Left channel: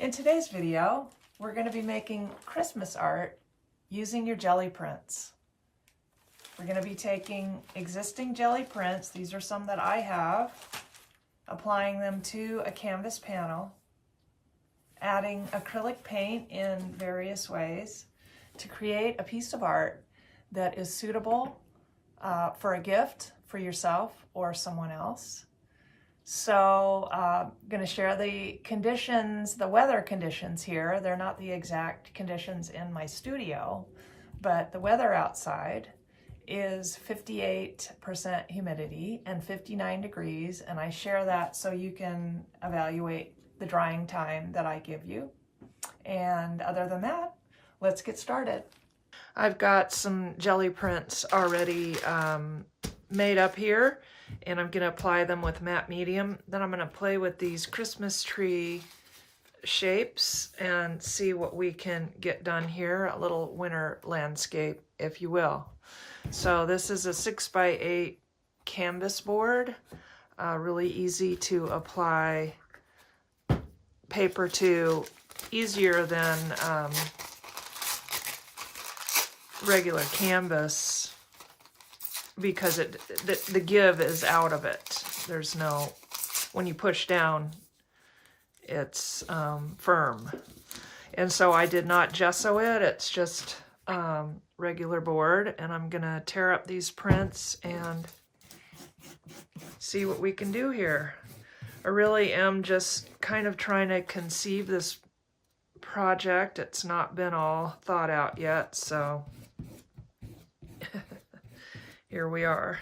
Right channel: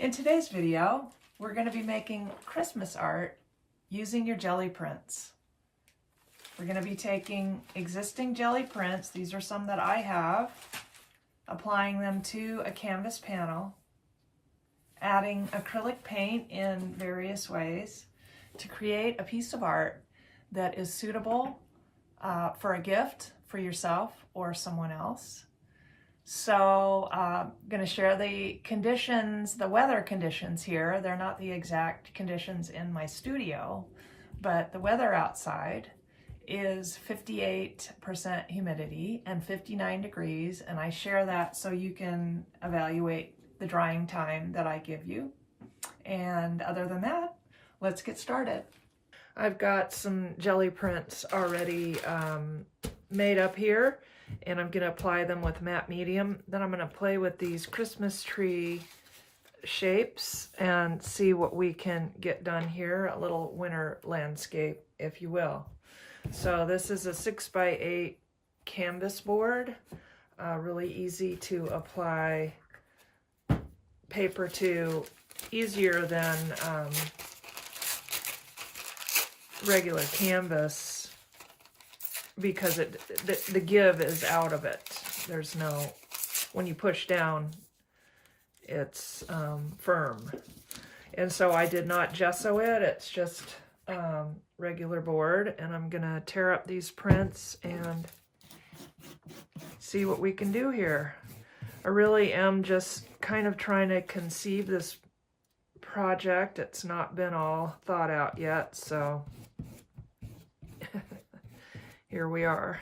In today's video, we're going to be making Christmas art using your Gelli prints. We're going to be taking existing Gelli prints, these are some that I have, applying them to a canvas panel, adding acrylic paint in various ways to create a piece of art that is suitable for a gift for yourself or someone else. So I'm going to share the conditions, the weather conditions here. They're not the exact conditions in my studio, but the weather outside is 58% humidity and 59 degrees, and I share that so you can evaluate the drying time that I give you. And other than that, let's get started. I've got some Gelli prints already made up here, and I'm going to apply them with matte medium. Then I'm going to play with these Christmas tree shapes and see what we can get done here, a little winter landscape, if you will. So this is a 6x8 canvas board, really easy to apply paper to, easier than regular canvas, because the give is out of it. There's no, when you push down, it's firm. And so I did not gesso it, it's just regular board, and I'm gonna tear up these prints and see what we can do here. I really am just kind of trying to conceive this project. It's not been all thought out yet, so here we are.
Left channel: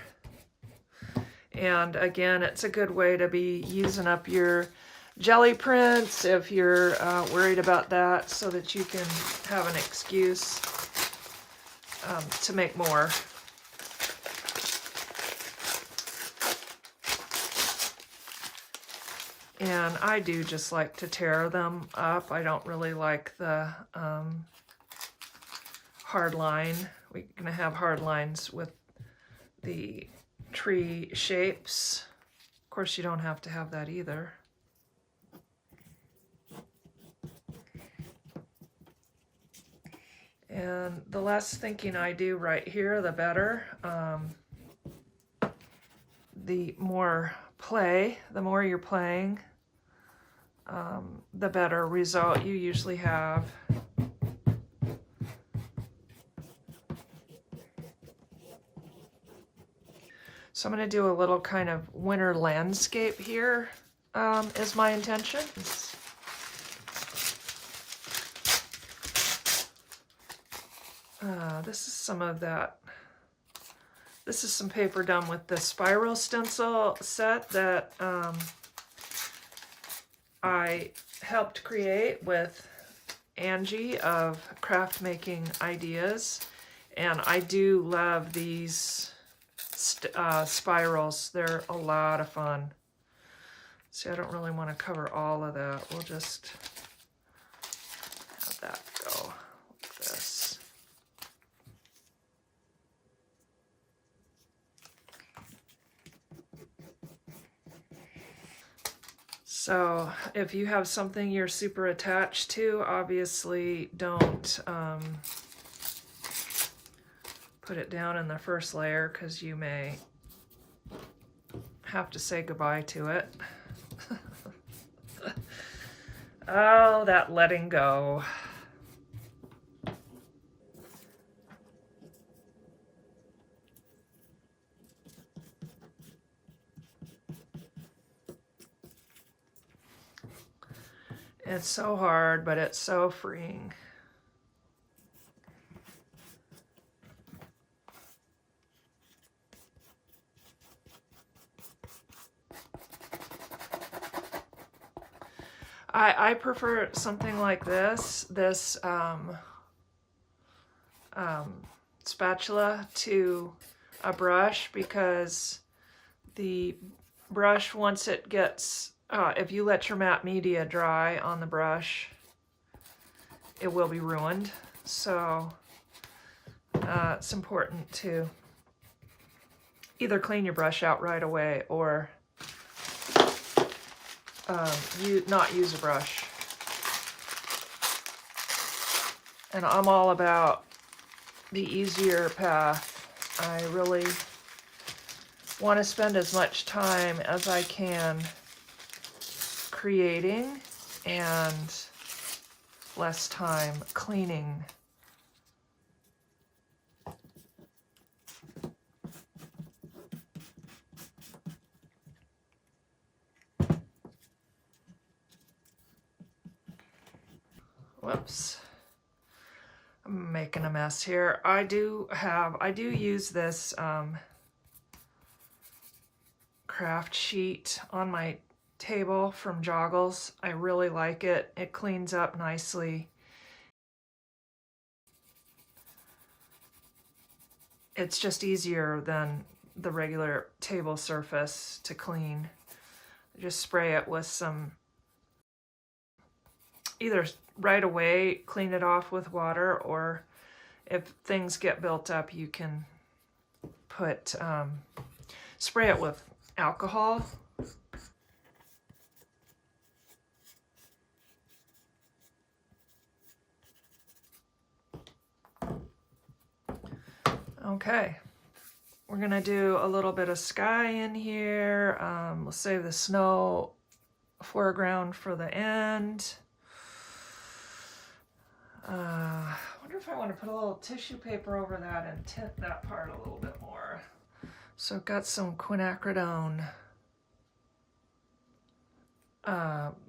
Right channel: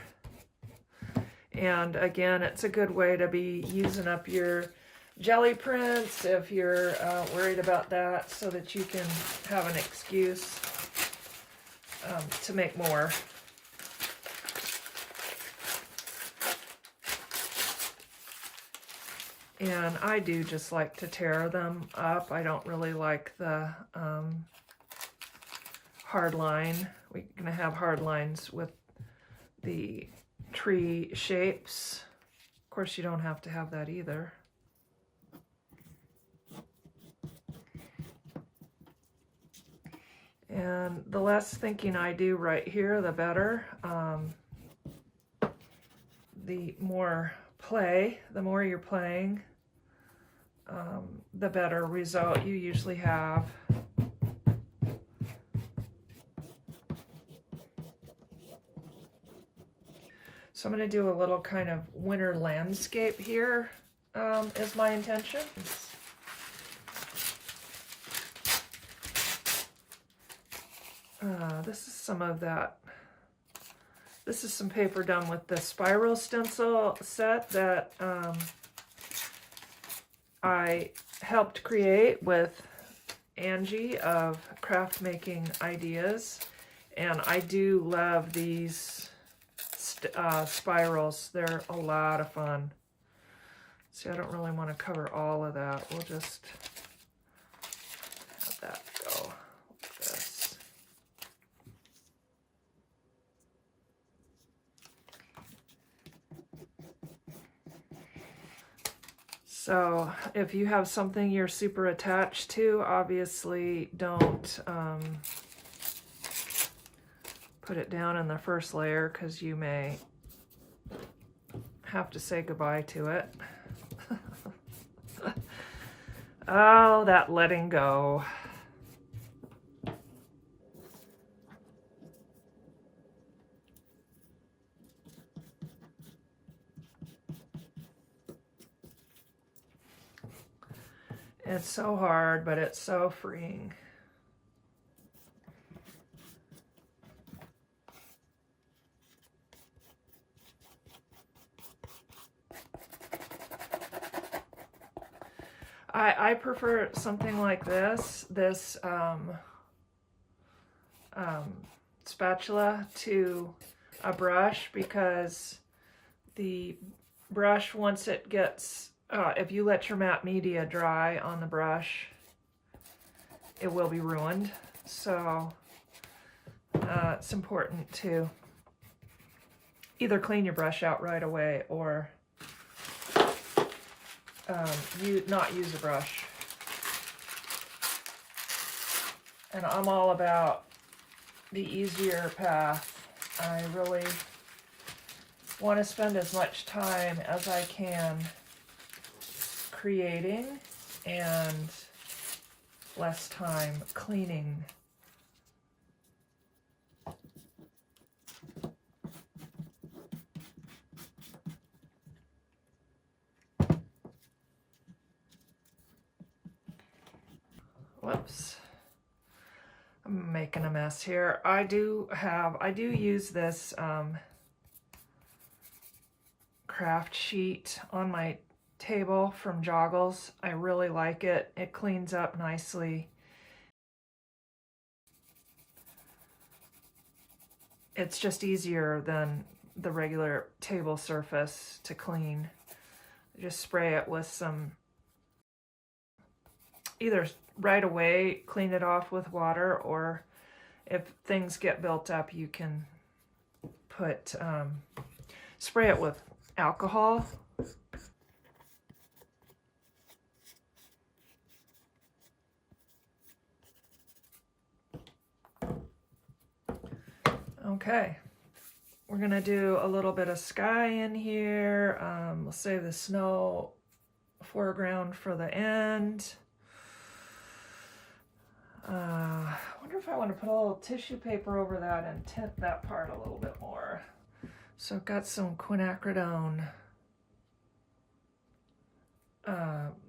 And again, it's a good way to be using up your Gelli prints if you're worried about that, so that you can have an excuse to make more. And I do just like to tear them up. I don't really like the hard line. We're gonna have hard lines with the tree shapes. Of course, you don't have to have that either. And the less thinking I do right here, the better. The more play, the more you're playing, the better result you usually have. So I'm going to do a little kind of winter landscape here, is my intention. This is some of that. This is some paper done with the spiral stencil set that I helped create with Angie of Craft Making Ideas. And I do love these spirals. They're a lot of fun. See, I don't really want to cover all of that. We'll just have that go like this. So if you have something you're super attached to, obviously don't put it down in the first layer, because you may have to say goodbye to it. Oh, that letting go. It's so hard, but it's so freeing. I prefer something like this spatula to a brush, because the brush, once it gets, if you let your matte media dry on the brush, it will be ruined. So it's important to either clean your brush out right away or you not use a brush. And I'm all about the easier path. I really want to spend as much time as I can creating and less time cleaning. Whoops. I'm making a mess here. I do use this craft sheet on my table from Joggles. I really like it. It cleans up nicely. It's just easier than the regular table surface to clean. Just spray it with some, either right away clean it off with water, or if things get built up you can put spray it with alcohol. Okay, we're gonna do a little bit of sky in here. We'll save the snow foreground for the end. I wonder if I want to put a little tissue paper over that and tint that part a little bit more. So I've got some quinacridone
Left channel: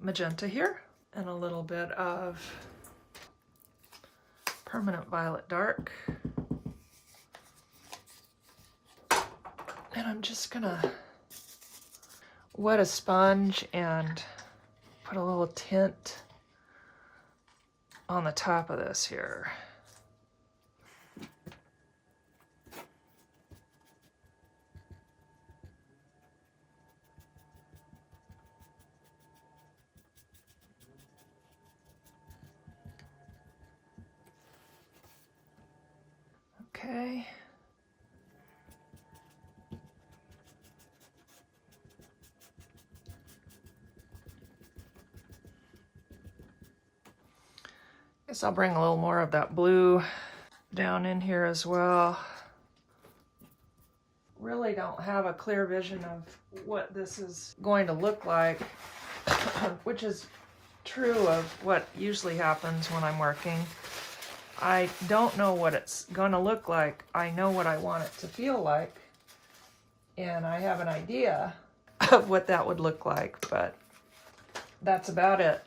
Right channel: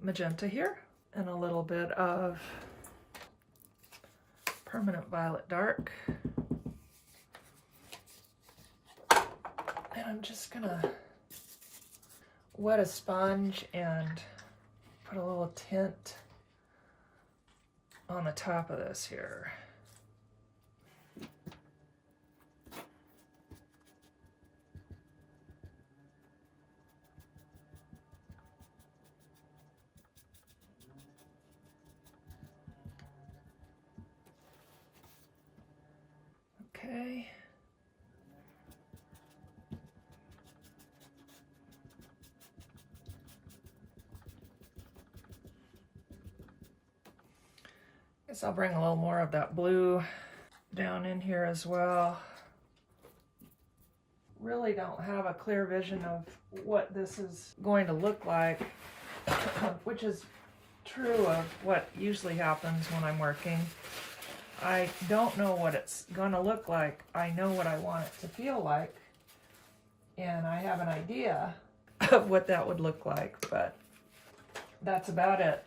magenta here, and a little bit of permanent violet dark. And I'm just gonna wet a sponge and put a little tint on the top of this here. Okay. Guess I'll bring a little more of that blue down in here as well. Really don't have a clear vision of what this is going to look like, which is true of what usually happens when I'm working. I don't know what it's going to look like. I know what I want it to feel like, and I have an idea of what that would look like, but that's about it.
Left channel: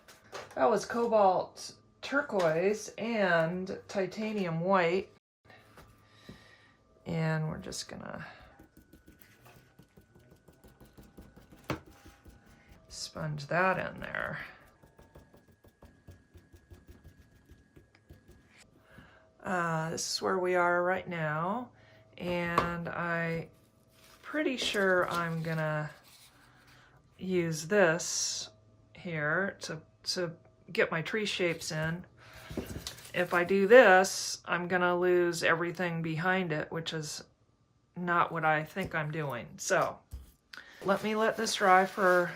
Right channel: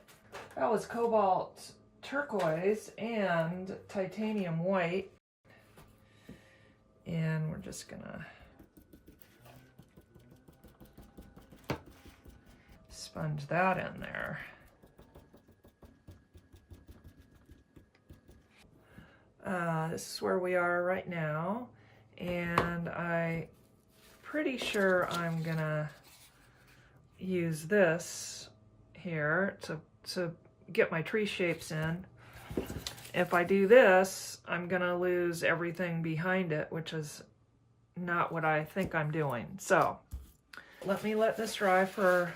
That was cobalt turquoise and titanium white, and we're just gonna sponge that in there. This is where we are right now, and I'm pretty sure I'm gonna use this here to get my tree shapes in. If I do this, I'm gonna lose everything behind it, which is not what I think I'm doing. So let this dry for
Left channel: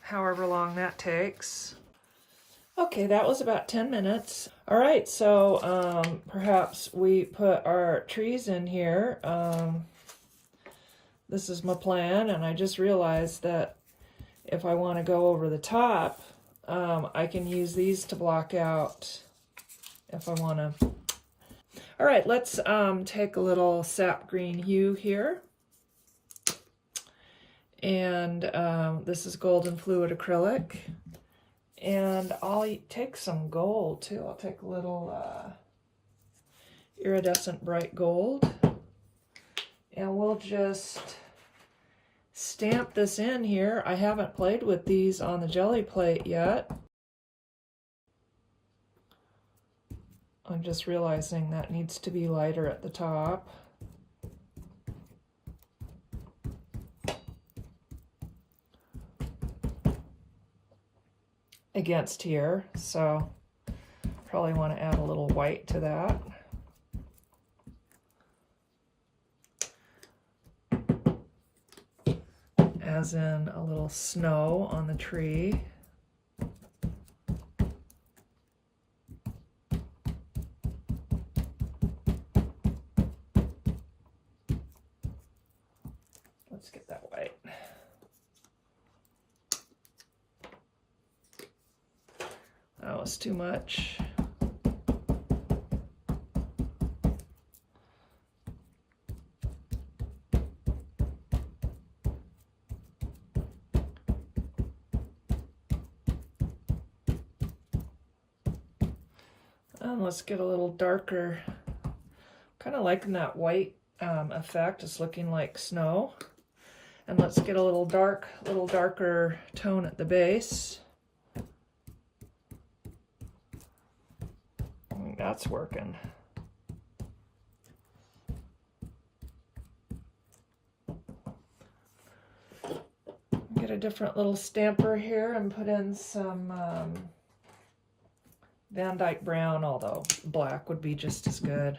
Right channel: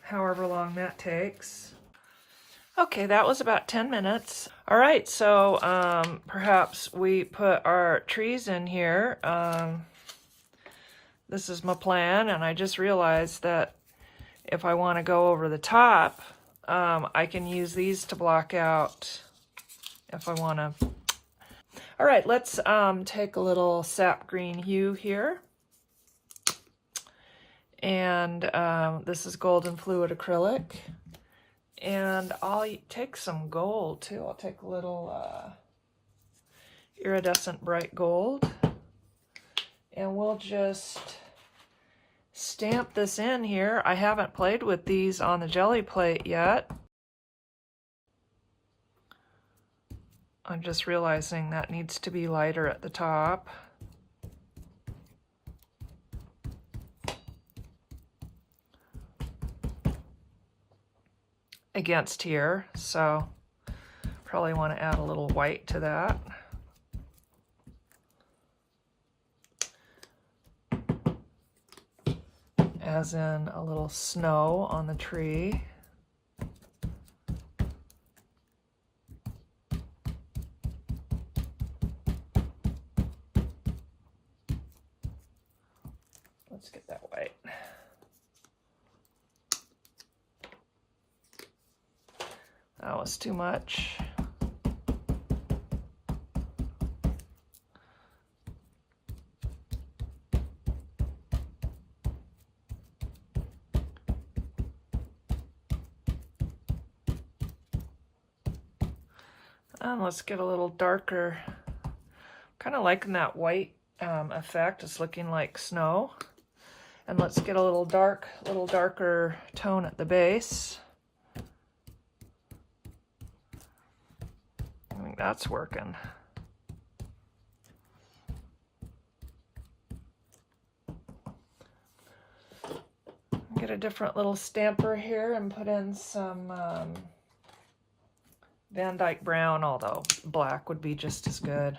however long that takes. Okay, that was about 10 minutes. All right, so perhaps we put our trees in here. This is my plan, and I just realized that if I want to go over the top, I can use these to block out if I want to. All right, let's take a little sap green hue here. And this is golden fluid acrylic. And I'll take some gold too. I'll take a little iridescent bright gold. And we'll just stamp this in here. I haven't played with these on the jelly plate yet. I'm just realizing that needs to be lighter at the top. Against here, so probably want to add a little white to that. As in a little snow on the tree. get that white. That was too much. And let's get a little darker. Kind of liking that white effect. It's looking like snow. And let's get a little darker tone at the base. I think that's working. Get a different little stamper here and put in some Van Dyke brown, although black would be just as good.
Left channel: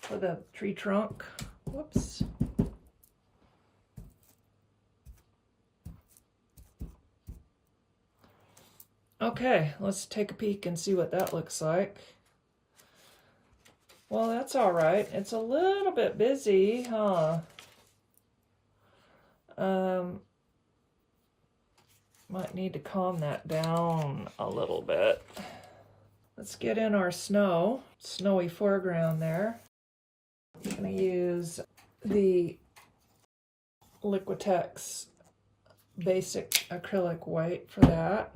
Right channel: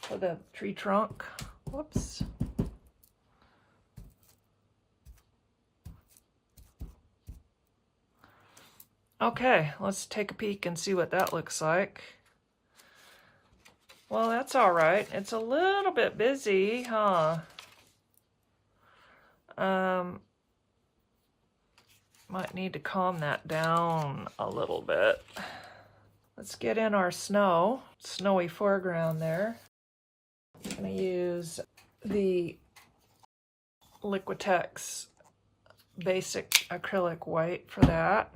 For the tree trunk. Whoops. Okay, let's take a peek and see what that looks like. Well, that's all right. It's a little bit busy, huh? Might need to calm that down a little bit. Let's get in our snowy foreground there. I'm going to use the Liquitex basic acrylic white for that.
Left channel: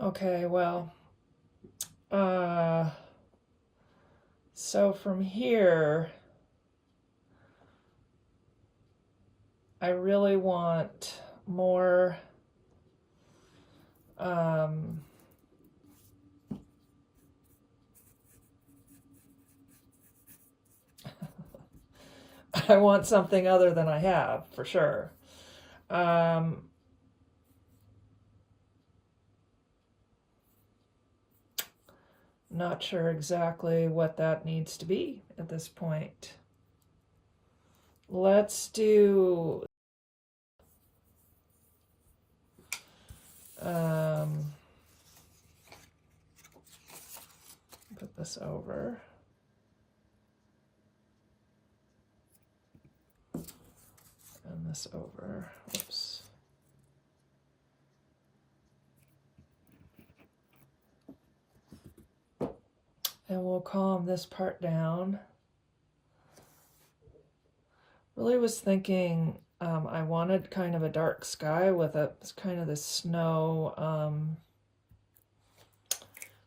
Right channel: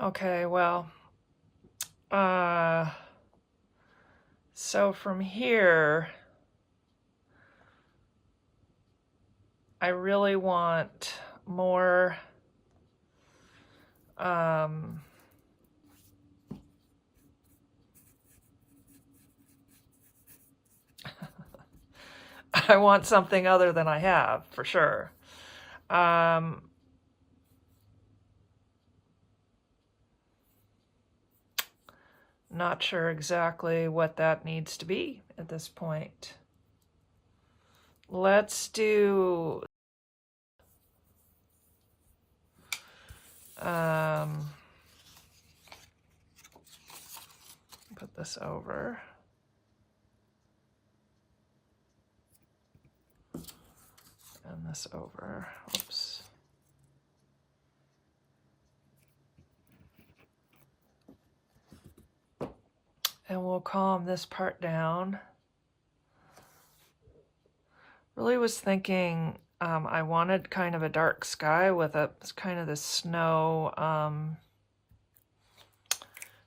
Okay, well, so from here, I really want more, I want something other than I have, for sure. Not sure exactly what that needs to be at this point. Let's do put this over. And this over. Oops. And we'll calm this part down. Really was thinking I wanted kind of a dark sky with a kind of the snow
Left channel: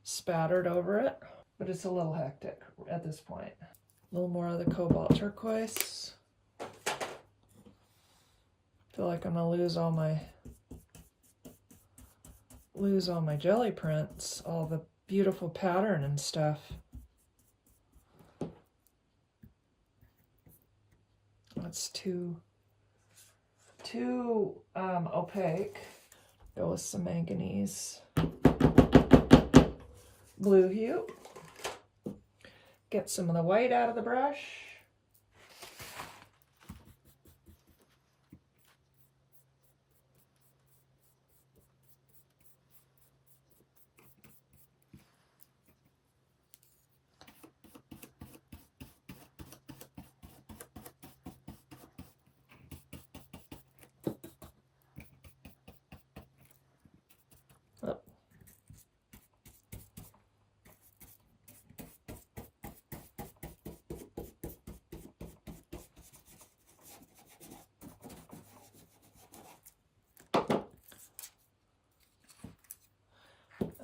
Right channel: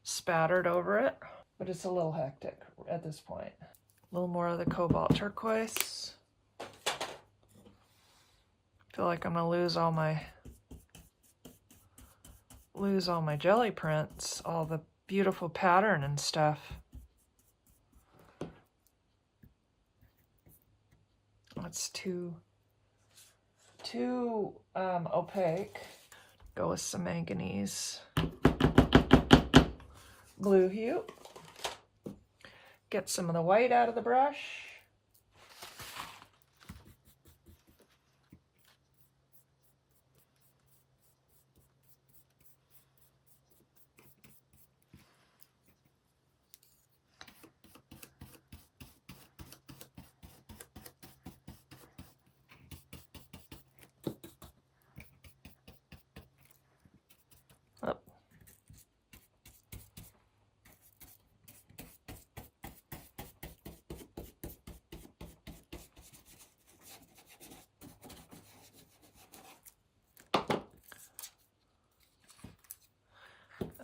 spattered over it, but it's a little hectic at this point. A little more of the cobalt turquoise. Feel like I'm gonna lose all my jelly prints, all the beautiful pattern and stuff. That's too opaque. Go with some manganese blue hue. Get some of the white out of the brush.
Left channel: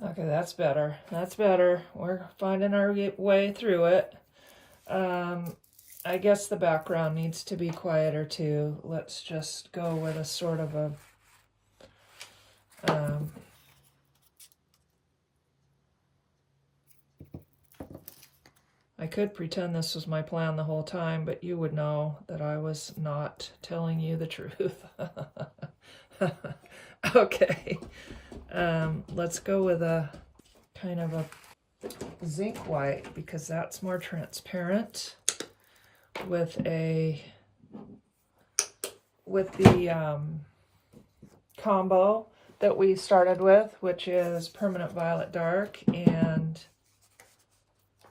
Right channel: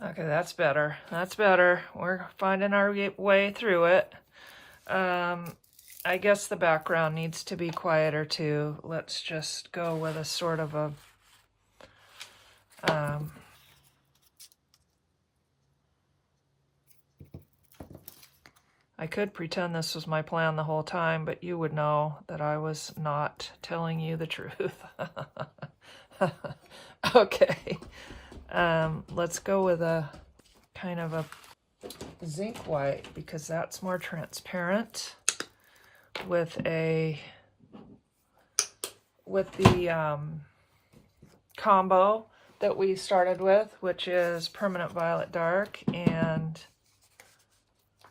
Okay, that's better. That's better. We're finding our way through it. I guess the background needs to be quieter too. Let's just go with a sort of a I could pretend this was my plan the whole time, but you would know that I was not telling you the truth. Okay. Let's go with a kind of a zinc white because that's more transparent with the combo that we started with, which is permanent violet dark and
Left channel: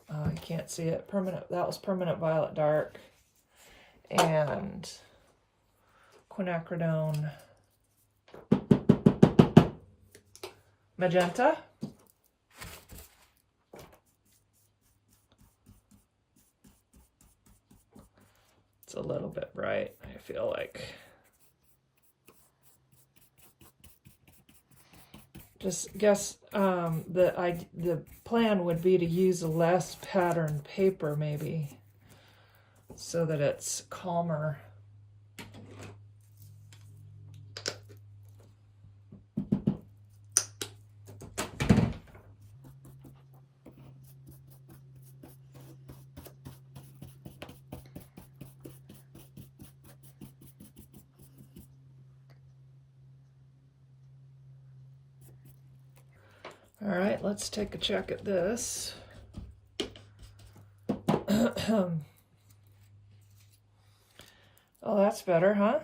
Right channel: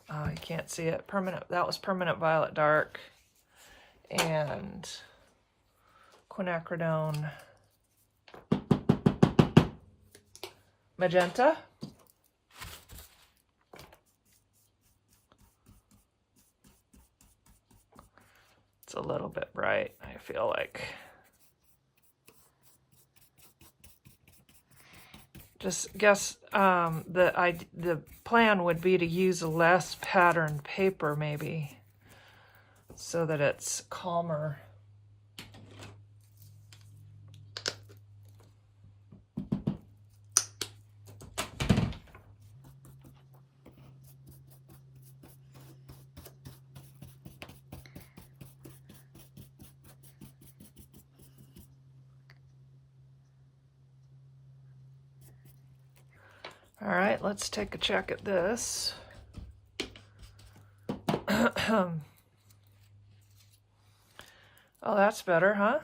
I can't see it. That was permanent violet dark and quinacridone magenta. It's a little bit bright, I feel like. Just guess the plan would be to use less patterned paper maybe so that it's calmer. All right, let's take a check at this. Oh, that's better, huh?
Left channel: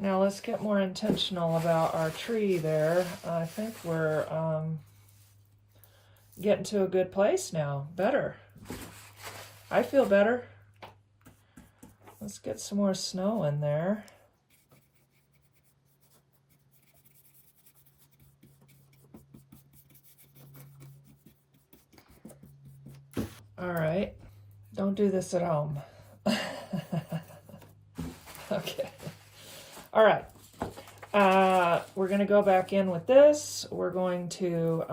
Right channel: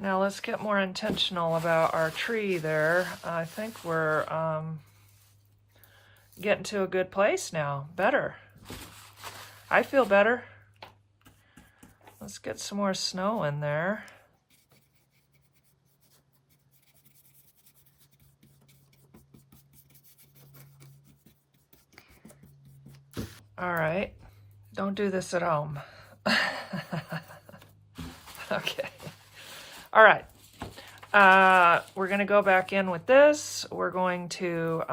Now let's get more intentional about our tree there. I think we're getting to a good place now. Better. I feel better. Let's get some more snow in there. All right, don't do this at home. Okay. All right. We're going to go back in with this. We're going to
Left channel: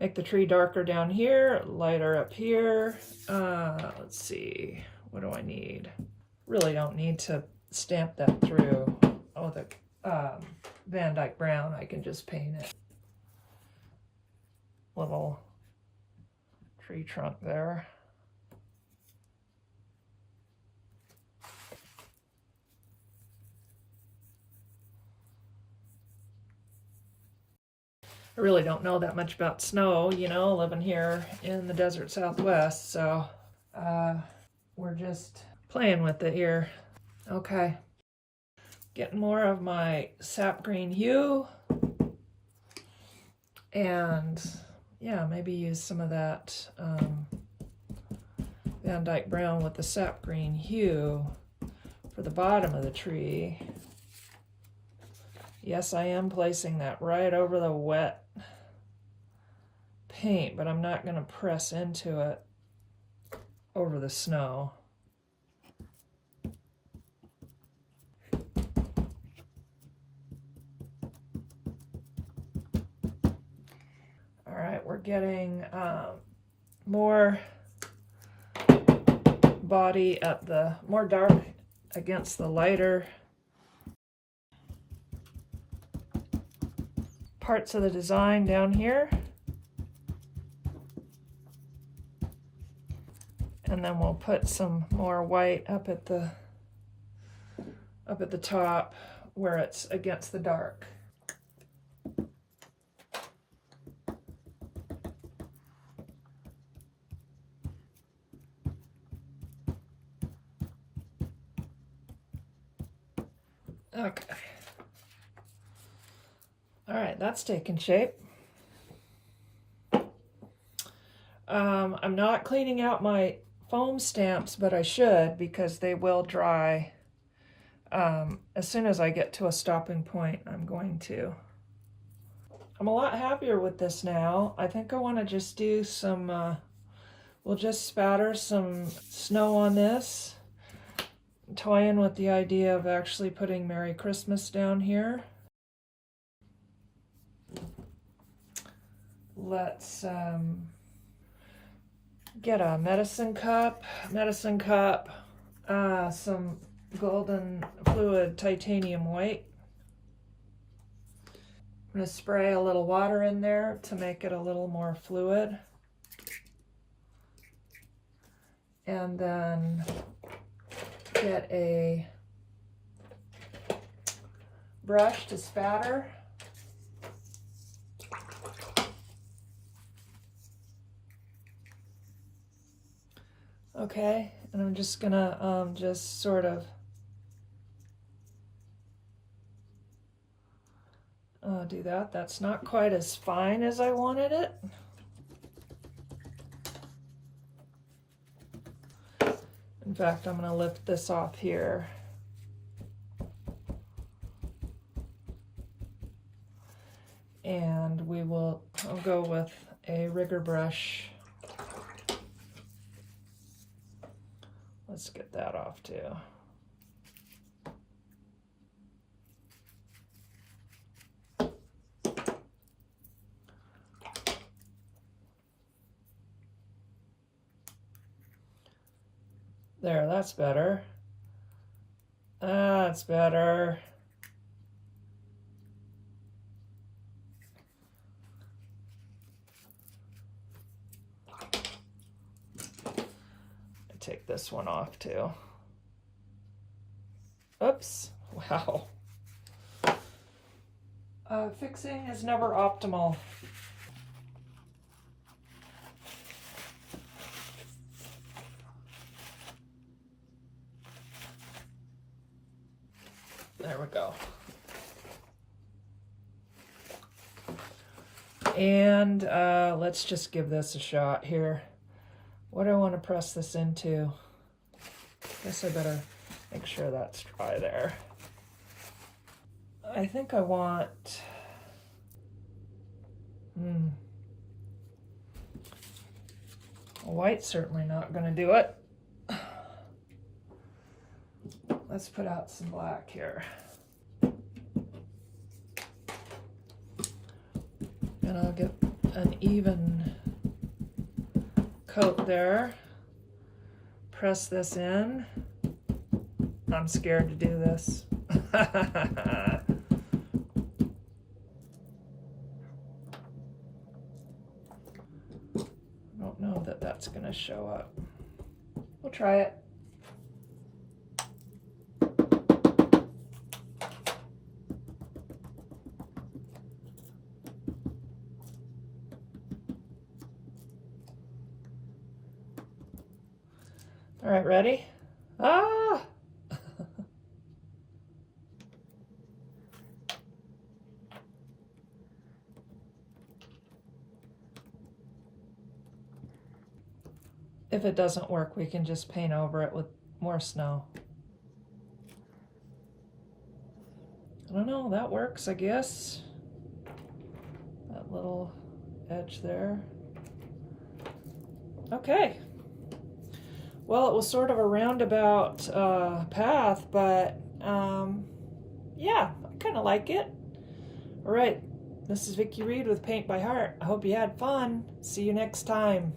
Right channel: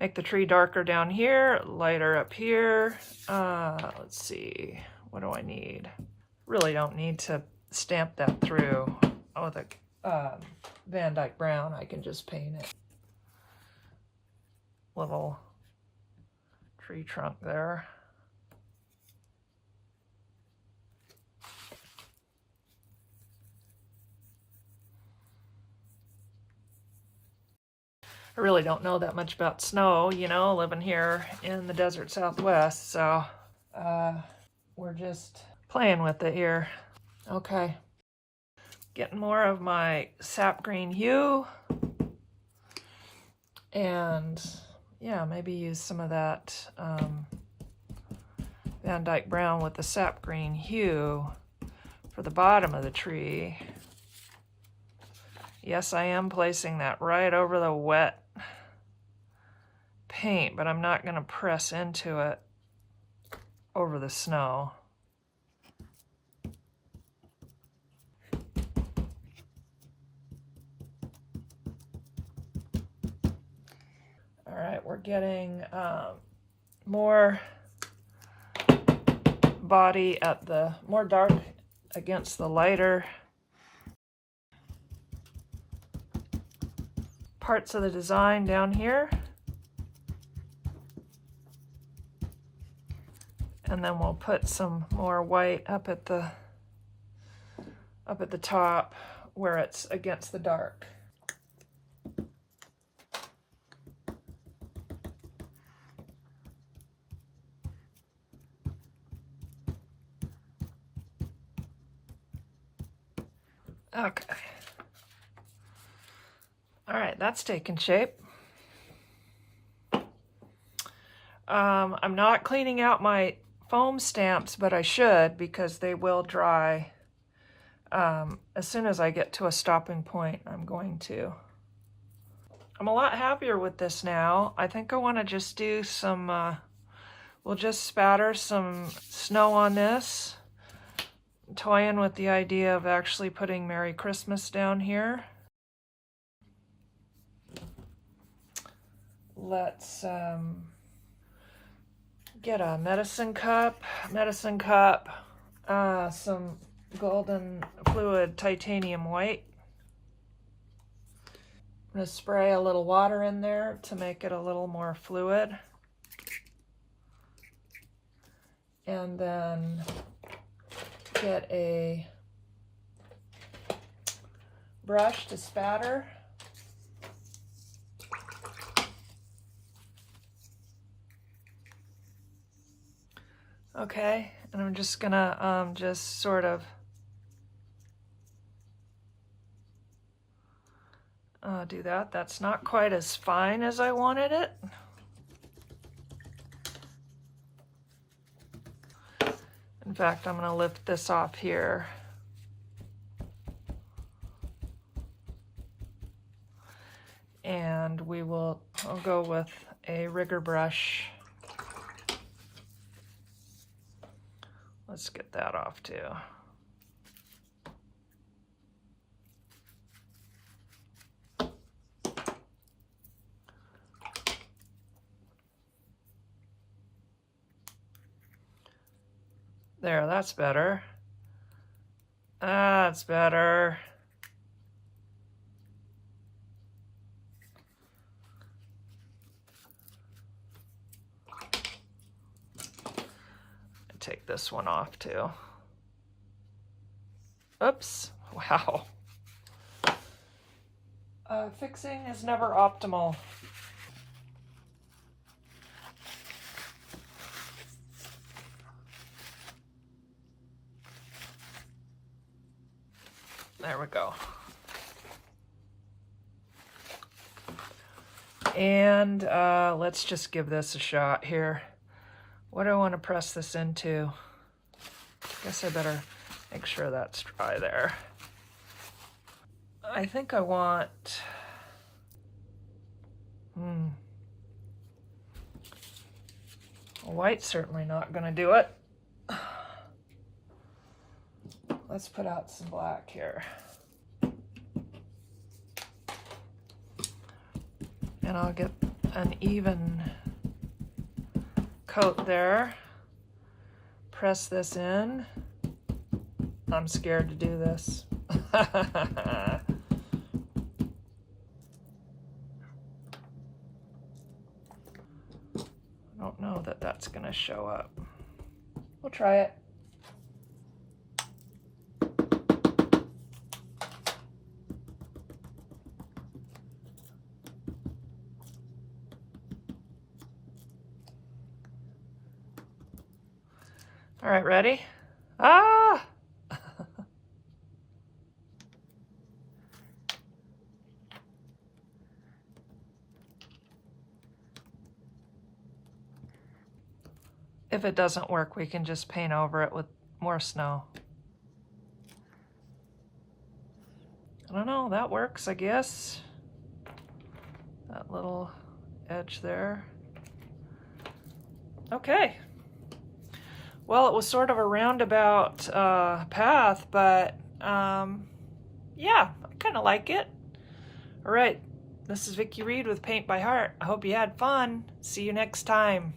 make the tree darker down here, lighter up here. Let's see. What do I need? Really don't need to stamp that through with a Van Dyke brown. I can just paint it. Little tree trunk there. I really don't know that much about snow, you know, living here in the desert Southwest, so we're just playing with it here. Okay, getting more of my sap green hue, and yeah, maybe use some of that Van Dyke brown with the sap green hue for the bottom of the tree. Yes, I am placing that right over the wet paint, but I'm not going to press into it over the snow. All right, we're getting more body at the more dark against the lighter parts of the design down here. And then we'll put some more white up at the top where it's against the dark. Okay. All right, that's taking shape. I'm not cleaning out my foam stamps, but I should because they will dry. As soon as I get to a stopping point, I'm going to. I'm a lot happier with this now. I think I want to just do some, we'll just spatter some snow on this. Toy in with the idea of actually putting Merry Christmas down here. Let's get a medicine cup, some golden fluid titanium white. I'm going to spray a little water in there to make it a little more fluid. And then get a brush to spatter. Okay, and I'm just gonna just sort of do that. That's not quite as fine as I wanted it. In fact, I'm going to lift this off here. And I'll go with a rigger brush. Let's get that off too. There, that's better. That's better. Take this one off too. Oops, wow. Fixing is never optimal. There we go. And let's just give this a shot here. What do I want to press this into? I guess I better make sure that's dry there. I think I want, white's certainly not going to do it. Let's put out some black here. And I'll get an even coat there. Press this in. I'm scared to do this. I don't know that that's going to show up. We'll try it. All right, ready? Ah! If it doesn't work, we can just paint over it with more snow. I don't know, that works, I guess. That little edge there. Okay. Well, it was sort of a roundabout path, but yeah, I kind of like it. All right, this is Vicki Reed with Paint by Heart. I hope you had fun. See you next time.